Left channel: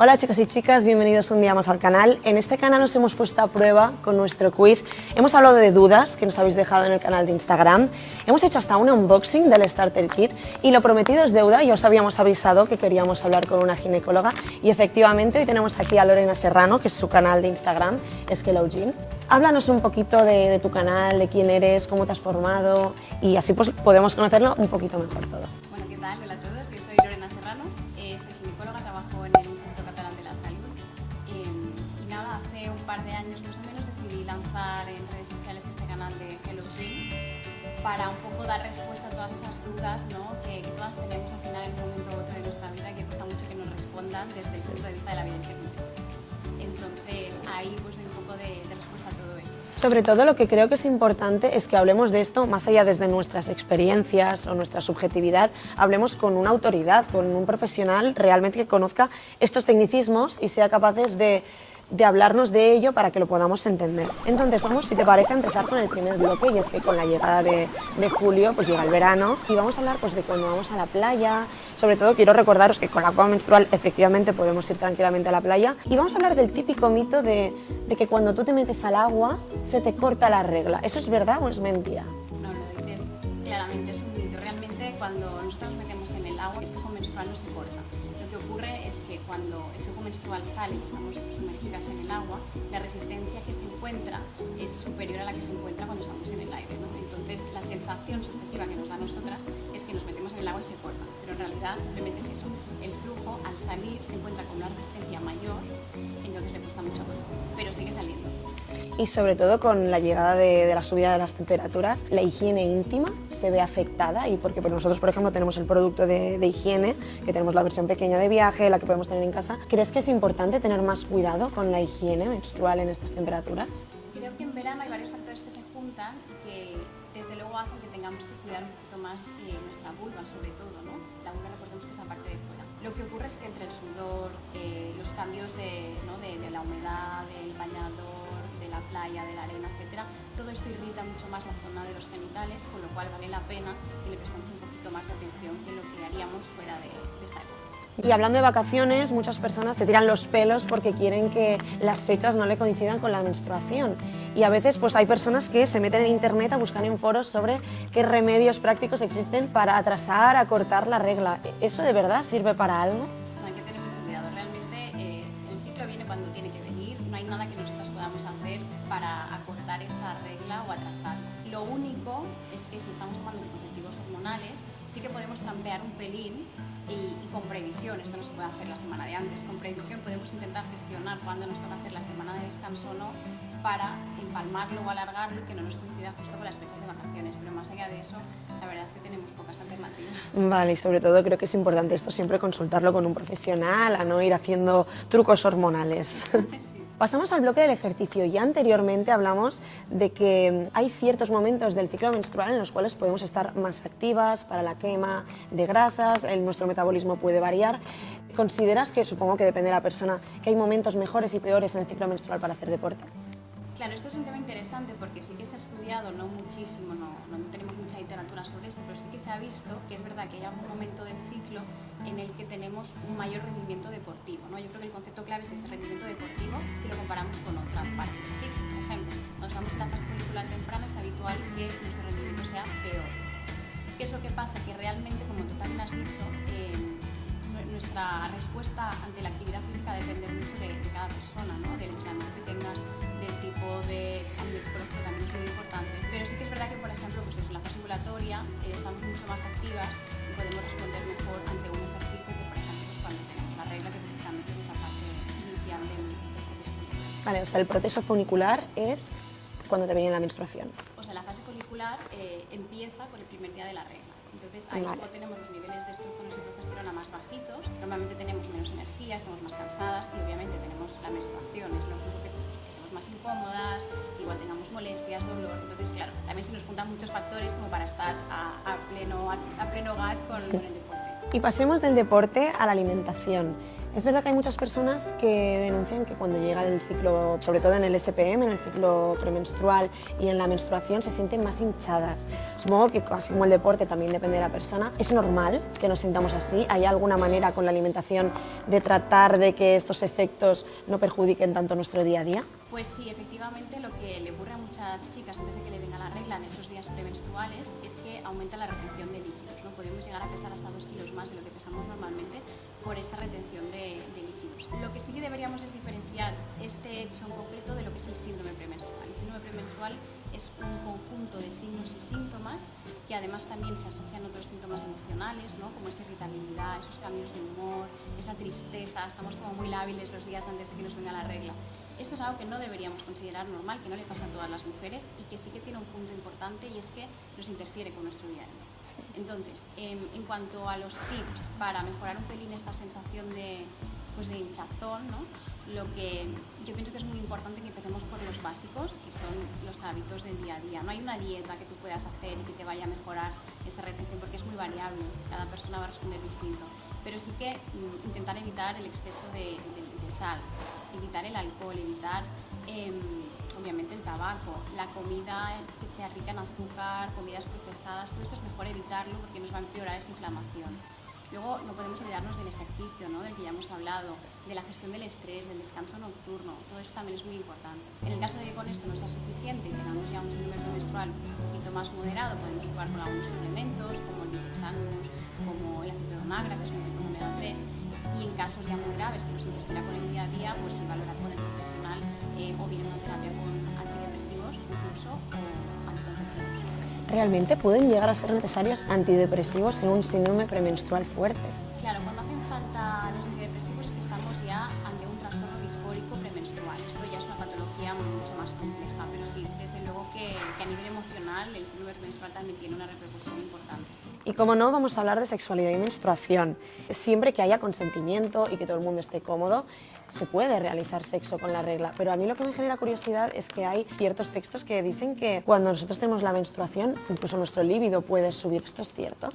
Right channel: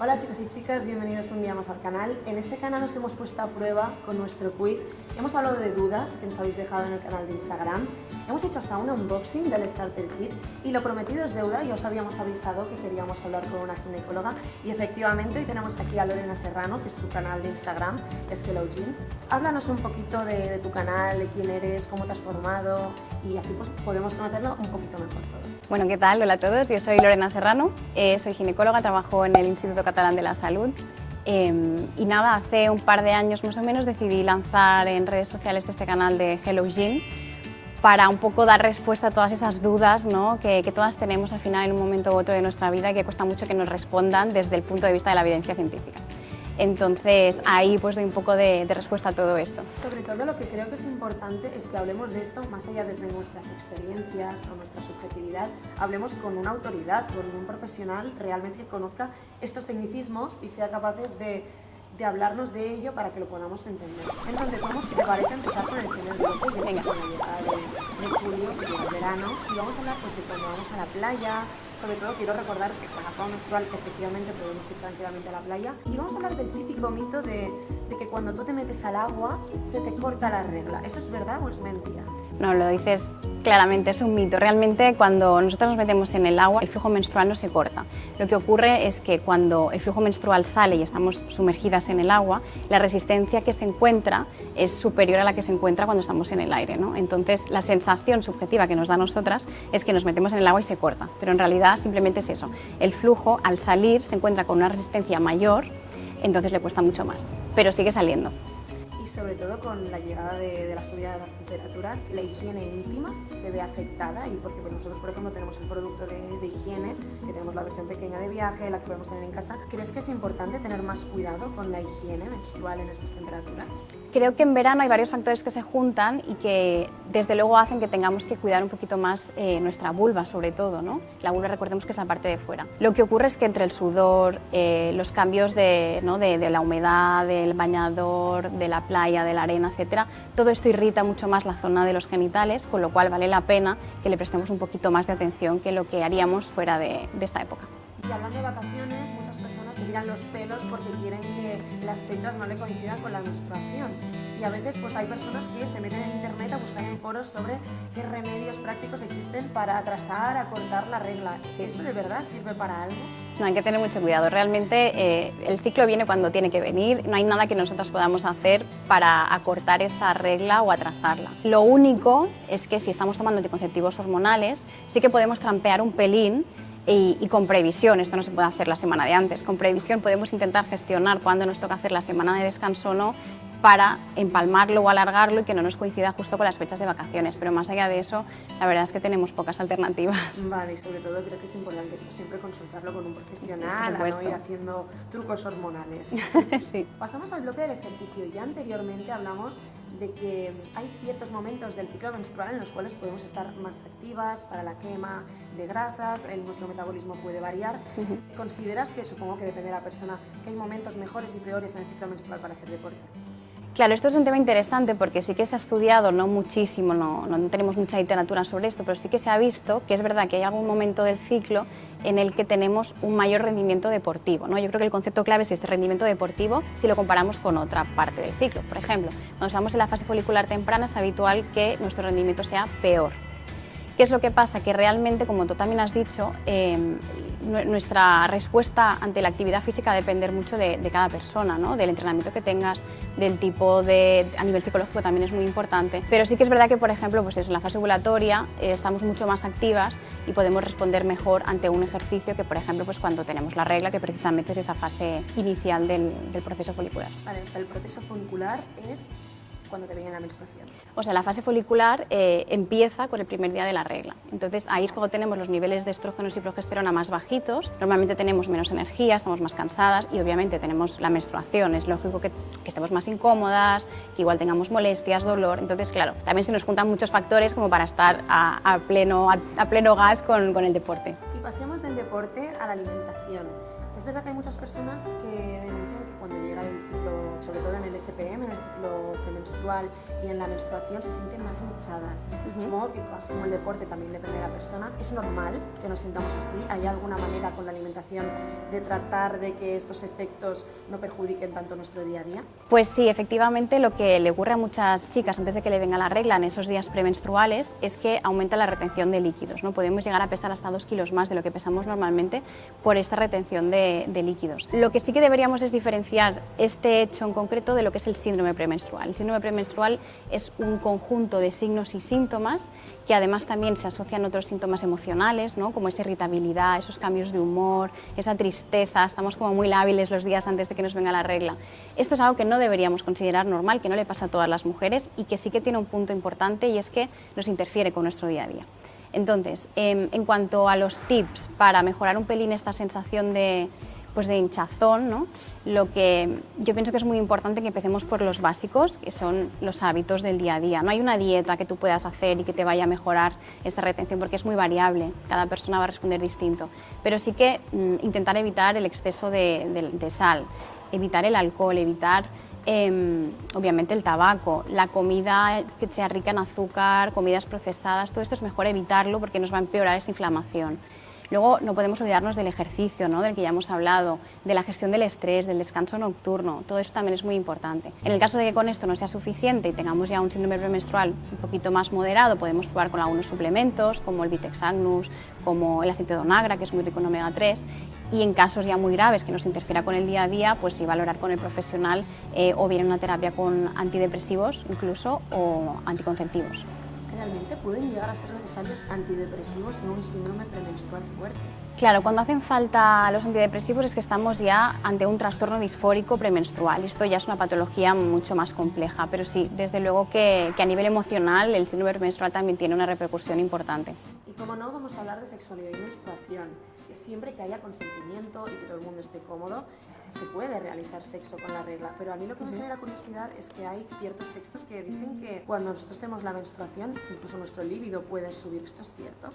Hola chicos y chicas, bienvenidos un día más al canal. En este canal nos hemos puesto a prueba con nuestro quiz. Hemos hablado de dudas que nos habéis dejado en el canal de Instagram. Hemos hecho hasta un unboxing del Starter Kit y lo prometido es deuda. Ya os habíamos avisado que queríamos hablar con una ginecóloga y efectivamente hoy tenemos aquí a Lorena Serrano, que es su canal de Instagram, es Hello Gyn. Háblanos un poquito de tu canal, de quién eres, cómo te has formado y así pues podemos conocerlo un poquito mejor todo. Bueno, ¿qué tal? Hola a todos, yo soy Lorena Serrano, soy ginecóloga, trabajo en el Instituto Catalán de la Salud y nada, hace un par de años más o menos decidí lanzar en redes sociales este canal de Hello Gyn para un poco dar respuesta a todas esas dudas, ¿no? que todas tenemos al final en un momento u otro de nuestra vida y que cuesta mucho que nos respondan desde el punto de vista de la evidencia científica. Entonces ahí pues doy un poco de respuesta a todo esto. Sobre todo lo que creo que es importante es que hablemos de esto más allá desde nuestras experiencias o nuestra subjetividad, hablemos con una autoridad, con un profesional realmente que conozca estos tecnicismos y sea capaces de hablarnos de ello para que lo podamos entender. Entonces vamos, si te parece, a empezar con el primer bloque, y es que con la llegada de julio pues llega el verano y vamos a hablar pues de cuando vamos a la playa. Sobre todo quiero recordaros que con la copa menstrual efectivamente podemos ir tranquilamente a la playa y vamos a hablar del típico mito de que cuando tú te metes al agua se te corta la regla. ¿Eso es verdad o es mentira? No, lo dices claramente, es un mito. Realmente cuando nosotros nos metemos en el agua el flujo menstrual no se corta. Lo que ocurre es que cuando el flujo menstrual sale y estamos sumergidas en el agua, la resistencia que se encuentra es superior a la que se encuentra cuando estamos en el aire, ¿no? Entonces la sensación subjetiva que nos da a nosotras es que nos metemos en el agua y se corta, pero en realidad simplemente es eso. El flujo al salir se encuentra con una resistencia mayor, entonces le cuesta mucho más, pero sigue saliendo. Y sobre todo con la llegada de la subida de las temperaturas, la higiene íntima se ve afectada y porque nosotros, por ejemplo, tenemos el producto de higiene, que tenemos la versión pequeña de viaje, la que podemos tener en casa. ¿Crees que es importante tener más cuidado con la higiene menstrual en estas temperaturas? Creo que en verano hay varios factores que se juntan y que desde luego hacen que tengamos que cuidar un poquito más nuestra vulva, sobre todo, ¿no? La vulva, recordemos que es la parte de fuera. Lo que ocurre es que entre el sudor, los cambios de la humedad, del bañador, de la playa, de la arena, etcétera, todo esto irrita mucho más la zona de los genitales, con lo cual vale la pena que le prestemos un poquito más de atención que lo que haríamos fuera de esta época. Y hablando de vacaciones, muchas personas se tiran los pelos porque quieren que las fechas no le coincidan con la menstruación. Y a veces pues hay personas que se meten en internet a buscar en foros sobre qué remedios prácticos existen para atrasar, acortar la regla. ¿Eso de verdad sirve para algo? No, hay que tener mucho cuidado. Realmente el ciclo viene cuando tiene que venir. No hay nada que nosotros podamos hacer para acortar esa regla o atrasarla. Lo único es que si estamos tomando anticonceptivos hormonales, sí que podemos trampear un pelín y con previsión. Esto no se puede hacer la semana de antes. Con previsión podemos intentar gestionar cuándo nos toca hacer la semana de descanso o no, para empalmarlo o alargarlo y que no nos coincida justo con las fechas de vacaciones. Pero más allá de eso, la verdad es que tenemos pocas alternativas. Vale, y sobre todo creo que es importante esto siempre consultarlo con un profesional, a no ir haciendo trucos hormonales. Sí. Pasamos al bloque del ejercicio. Ya anteriormente hablamos de que hay ciertos momentos del ciclo menstrual en los cuales podemos estar más activas para la quema de grasas, nuestro metabolismo puede variar. ¿Consideras que, supongo que depende de la persona, que hay momentos mejores y peores en el ciclo menstrual para hacer deporte? Claro, esto es un tema interesante porque sí que se ha estudiado, no muchísimo, no tenemos mucha literatura sobre esto, pero sí que se ha visto que es verdad que hay algún momento del ciclo en el que tenemos un mayor rendimiento deportivo, ¿no? Yo creo que el concepto clave es este rendimiento deportivo si lo comparamos con otra parte del ciclo. Por ejemplo, cuando estamos en la fase folicular temprana es habitual que nuestro rendimiento sea peor. ¿Qué es lo que pasa? Que realmente, como tú también has dicho, nuestra respuesta ante la actividad física va a depender mucho de cada persona, ¿no? Del entrenamiento que tengas, del tipo a nivel psicológico también es muy importante. Pero sí que es verdad que, por ejemplo, pues eso, en la fase ovulatoria estamos mucho más activas y podemos responder mejor ante un ejercicio que, por ejemplo, pues cuando tenemos la regla, que precisamente es esa fase inicial del proceso folicular. Vale, o sea, el proceso folicular es cuando te viene la menstruación. O sea, la fase folicular empieza con el primer día de la regla. Entonces ahí es cuando tenemos los niveles de estrógenos y progesterona más bajitos. Normalmente tenemos menos energía, estamos más cansadas y obviamente tenemos la menstruación. Es lógico que estemos más incómodas, que igual tengamos molestias, dolor. Entonces, claro, también se nos juntan muchos factores como para estar a pleno gas con el deporte. Y pasemos del deporte a la alimentación. Es verdad que hay muchas personas que denuncian que cuando llega el ciclo, sobre todo en el SPM, en el ciclo premenstrual y en la menstruación, se sienten más hinchadas. Supongo que, así como el deporte, también depende de la persona. ¿Es normal que nos sintamos así? ¿Hay alguna manera con la alimentación de tratar de que estos efectos no perjudiquen tanto nuestro día a día? Pues sí, efectivamente lo que le ocurre a muchas chicas antes de que le venga la regla en esos días premenstruales es que aumenta la retención de líquidos, ¿no? Podemos llegar a pesar hasta 2 kilos más de lo que pesamos normalmente por esta retención de líquidos. Lo que sí que deberíamos es diferenciar este hecho en concreto de lo que es el síndrome premenstrual. El síndrome premenstrual es un conjunto de signos y síntomas que además también se asocian a otros síntomas emocionales, ¿no? Como esa irritabilidad, esos cambios de humor, esa tristeza, estamos como muy lábiles los días antes de que nos venga la regla. Esto es algo que no deberíamos considerar normal, que no le pasa a todas las mujeres y que sí que tiene un punto importante y es que nos interfiere con nuestro día a día. Entonces, en cuanto a los tips para mejorar un pelín esta sensación de hinchazón, ¿no? Lo que yo pienso que es muy importante que empecemos por los básicos, que son los hábitos del día a día. No hay una dieta que tú puedas hacer y que te vaya a mejorar esta retención porque es muy variable, cada persona va a responder distinto, pero sí que intentar evitar el exceso de sal, evitar el alcohol, evitar obviamente el tabaco, la comida que sea rica en azúcar, comidas procesadas, todo esto es mejor evitarlo porque nos va a empeorar esa inflamación. Luego no podemos olvidarnos del ejercicio, ¿no? Del que ya hemos hablado, de la gestión del estrés, del descanso nocturno, todo eso también es muy importante. En el caso de que con esto no sea suficiente y tengamos ya un síndrome premenstrual un poquito más moderado, podemos probar con algunos suplementos como el Vitex Agnus, como el aceite de onagra, que es muy rico en omega 3, y en casos ya muy graves que nos interfiera con el día a día, pues sí valorar con el profesional o bien una terapia con antidepresivos incluso o anticonceptivos. ¿Realmente pueden llegar a ser necesarios antidepresivos en un síndrome premenstrual fuerte? Claro, cuando hacen falta los antidepresivos es que estamos ya ante un trastorno disfórico premenstrual. Esto ya es una patología mucho más compleja, pero sí, desde luego que a nivel emocional el síndrome premenstrual también tiene una repercusión importante. Y como no, vamos a hablar de sexualidad y menstruación. Siempre que haya consentimiento y que todo el mundo esté cómodo, se puede realizar sexo con la regla, pero a mí lo que me genera curiosidad es que hay ciertos textos que dicen que cuando nosotros tenemos la menstruación, incluso nuestro líbido puede subir. ¿Esto es cierto?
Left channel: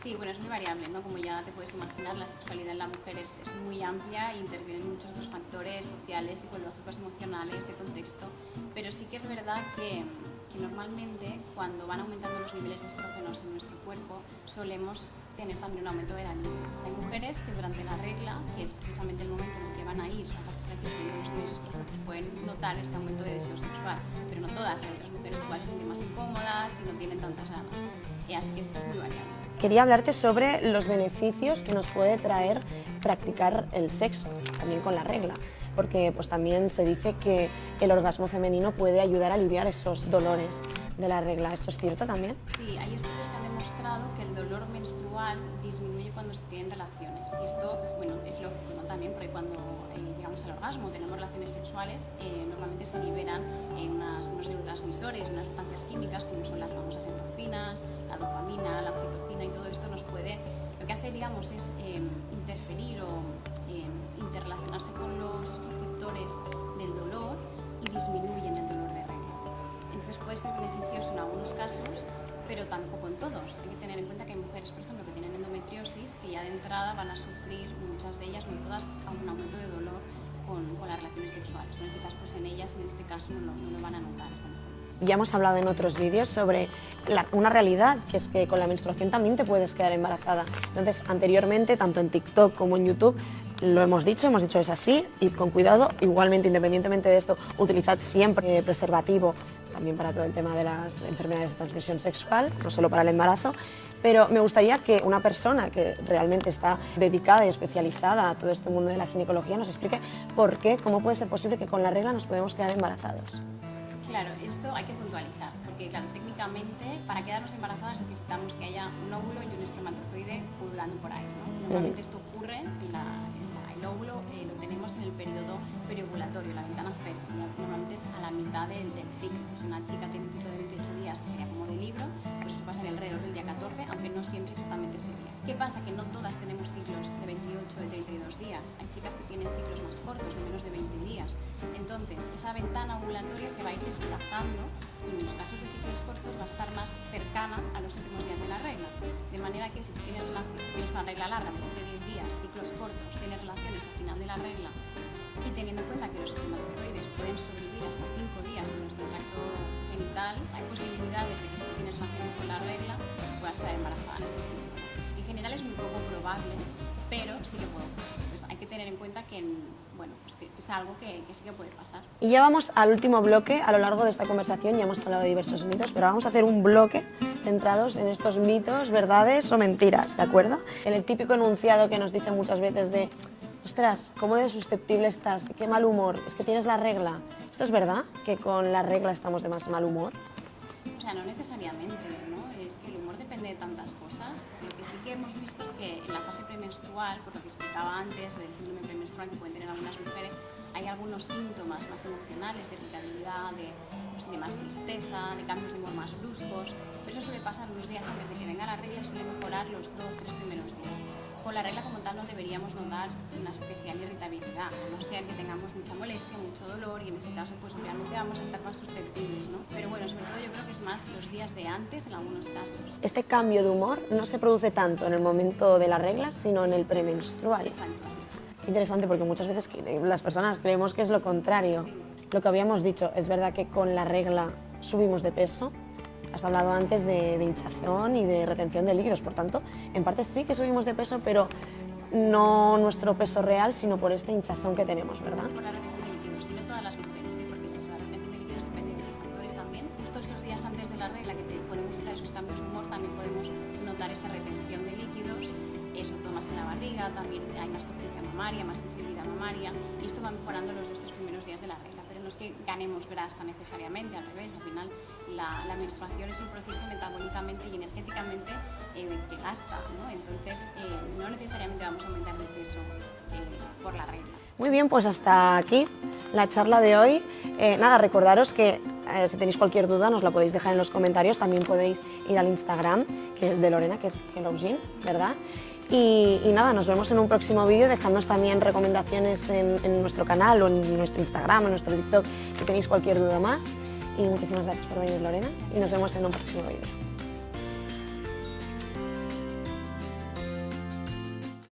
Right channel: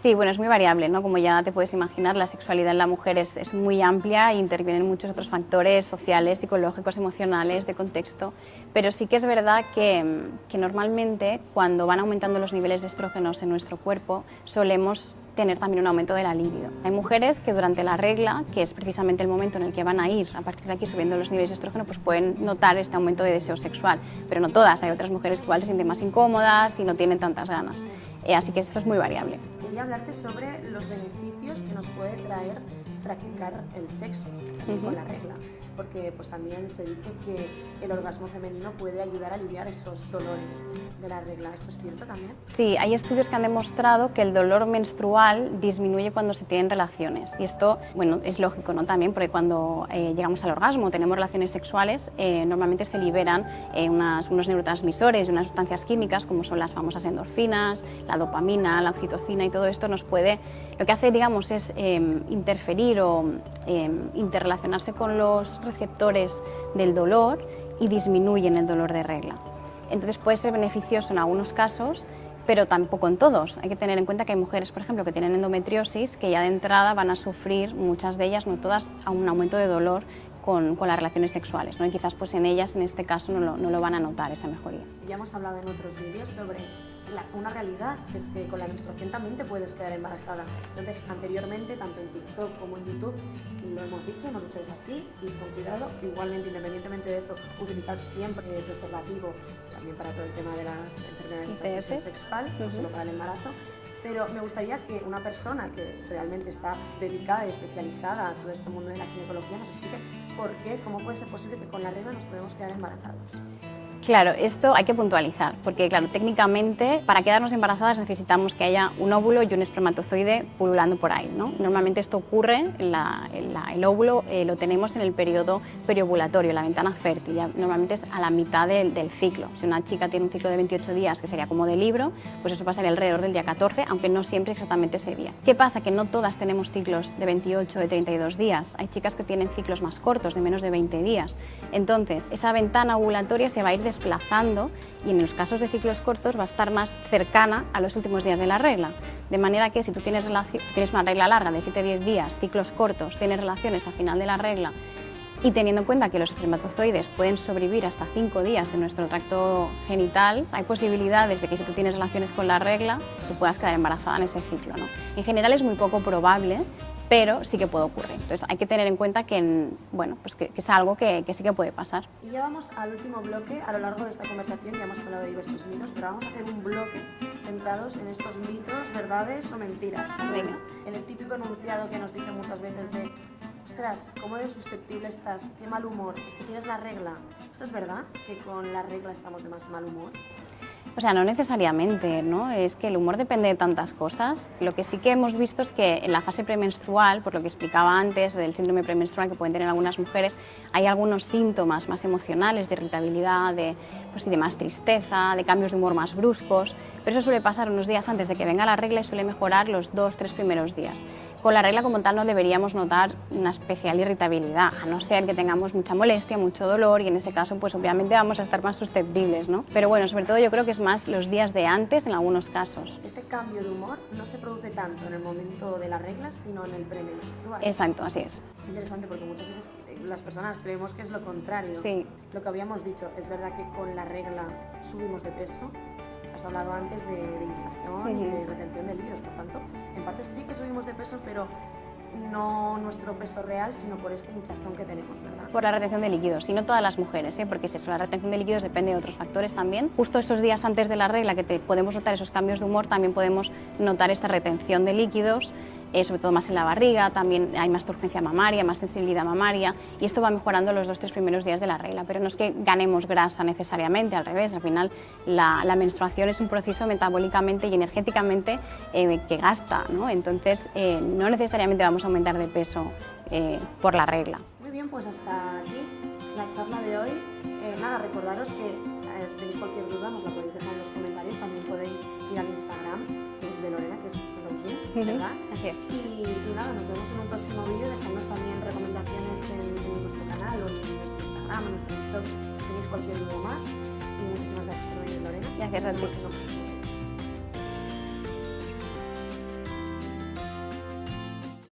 Sí, bueno, es muy variable, ¿no? Como ya te puedes imaginar, la sexualidad en la mujer es muy amplia e intervienen muchos otros factores sociales, psicológicos, emocionales, de contexto, pero sí que es verdad que normalmente cuando van aumentando los niveles de estrógenos en nuestro cuerpo, solemos tener también un aumento de la libido. Hay mujeres que durante la regla, que es precisamente el momento en el que van a ir a partir de aquí subiendo los niveles de estrógeno, pues pueden notar este aumento de deseo sexual, pero no todas. Hay otras mujeres que igual se sienten más incómodas y no tienen tantas ganas. Así que eso es muy variable. Quería hablarte sobre los beneficios que nos puede traer practicar el sexo, también con la regla, porque pues también se dice que el orgasmo femenino puede ayudar a aliviar esos dolores de la regla. ¿Esto es cierto también? Sí, hay estudios que han demostrado que el dolor menstrual disminuye cuando se tienen relaciones, y esto, bueno, es lógico, ¿no? También porque cuando llegamos al orgasmo, tenemos relaciones sexuales, normalmente se liberan unos neurotransmisores y unas sustancias químicas como son las famosas endorfinas, la dopamina, la oxitocina, y todo esto nos puede, lo que hace, digamos, es interferir o interrelacionarse con los receptores del dolor y disminuyen el dolor de regla. Entonces puede ser beneficioso en algunos casos, pero tampoco en todos. Hay que tener en cuenta que hay mujeres, por ejemplo, que tienen endometriosis, que ya de entrada van a sufrir, muchas de ellas, no todas, a un aumento de dolor con las relaciones sexuales, ¿no? Y quizás pues en ellas, en este caso, no lo van a notar esa mejoría. Ya hemos hablado en otros vídeos sobre una realidad, que es que con la menstruación también te puedes quedar embarazada. Entonces, anteriormente, tanto en TikTok como en YouTube, lo hemos dicho es así, id con cuidado. Igualmente, independientemente de esto, utilizad siempre preservativo, también para todo el tema de las enfermedades de transmisión sexual, no solo para el embarazo. Pero me gustaría que una persona que realmente está dedicada y especializada a todo este mundo de la ginecología nos explique por qué, cómo puede ser posible que con la regla nos podemos quedar embarazados. Claro, esto hay que puntualizar, porque claro, técnicamente para quedarnos embarazadas necesitamos que haya un óvulo y un espermatozoide pululando por ahí, ¿no? Normalmente esto ocurre, el óvulo lo tenemos en el periodo periovulatorio, la ventana fértil, ya normalmente es a la mitad del ciclo. Si una chica tiene un ciclo de 28 días, que sería como de libro, pues eso pasaría alrededor del día 14, aunque no siempre exactamente ese día. ¿Qué pasa? Que no todas tenemos ciclos de 28 o de 32 días. Hay chicas que tienen ciclos más cortos, de menos de 20 días. Entonces, esa ventana ovulatoria se va a ir desplazando y en los casos de ciclos cortos va a estar más cercana a los últimos días de la regla. De manera que si tú tienes una regla larga de 7-10 días, ciclos cortos, tienes relaciones al final de la regla, y teniendo en cuenta que los espermatozoides pueden sobrevivir hasta 5 días en nuestro tracto genital, hay posibilidades de que si tú tienes relaciones con la regla, tú puedas quedar embarazada en ese ciclo, ¿no? En general es muy poco probable, pero sí que puede ocurrir. Entonces hay que tener en cuenta que, bueno, pues que es algo que sí que puede pasar. Y ya vamos al último bloque. A lo largo de esta conversación ya hemos hablado de diversos mitos, pero vamos a hacer un bloque centrados en estos mitos, verdades o mentiras, ¿de acuerdo? En el típico enunciado que nos dicen muchas veces de ostras, ¿cómo de susceptible estás? ¿Qué mal humor? Es que tienes la regla. ¿Esto es verdad? ¿Que con la regla estamos de más mal humor? O sea, no necesariamente, ¿no? Es que el humor depende de tantas cosas. Lo que sí que hemos visto es que en la fase premenstrual, por lo que explicaba antes del síndrome premenstrual que pueden tener algunas mujeres, hay algunos síntomas más emocionales, de irritabilidad, de más tristeza, de cambios de humor más bruscos, pero eso suele pasar unos días antes de que venga la regla y suele mejorar los 2-3 primeros días. Con la regla como tal no deberíamos notar una especial irritabilidad, a no ser que tengamos mucha molestia, mucho dolor, y en ese caso pues obviamente vamos a estar más susceptibles, ¿no? Pero bueno, sobre todo yo creo que es más los días de antes en algunos casos. Este cambio de humor no se produce tanto en el momento de la regla, sino en el premenstrual. Exacto, así es. Interesante, porque muchas veces las personas creemos que es lo contrario. Sí. Lo que habíamos dicho, es verdad que con la regla subimos de peso. Has hablado antes de hinchazón y de retención de líquidos, por tanto, en parte sí que subimos de peso, pero no nuestro peso real, sino por esta hinchazón que tenemos, ¿verdad? Por la retención de líquidos, y no todas las mujeres, porque si es la retención de líquidos depende de otros factores también. Justo esos días antes de la regla que podemos notar esos cambios de humor, también podemos notar esta retención de líquidos, sobre todo más en la barriga, también hay más turgencia mamaria, más sensibilidad mamaria, y esto va mejorando los 2-3 primeros días de la regla, pero no es que ganemos grasa necesariamente, al revés, al final la menstruación es un proceso metabólicamente y energéticamente que gasta, ¿no? Entonces no necesariamente vamos a aumentar de peso por la regla. Muy bien, pues hasta aquí la charla de hoy. Nada, recordaros que si tenéis cualquier duda nos la podéis dejar en los comentarios, también podéis ir al Instagram que es de Lorena, que es HelloGym, ¿verdad? Así es. Y nada, nos vemos en un próximo vídeo, dejadnos también recomendaciones en nuestro canal o en nuestro Instagram, en nuestro TikTok, si tenéis cualquier duda más. Y muchísimas gracias por venir, Lorena, y nos vemos en un próximo vídeo.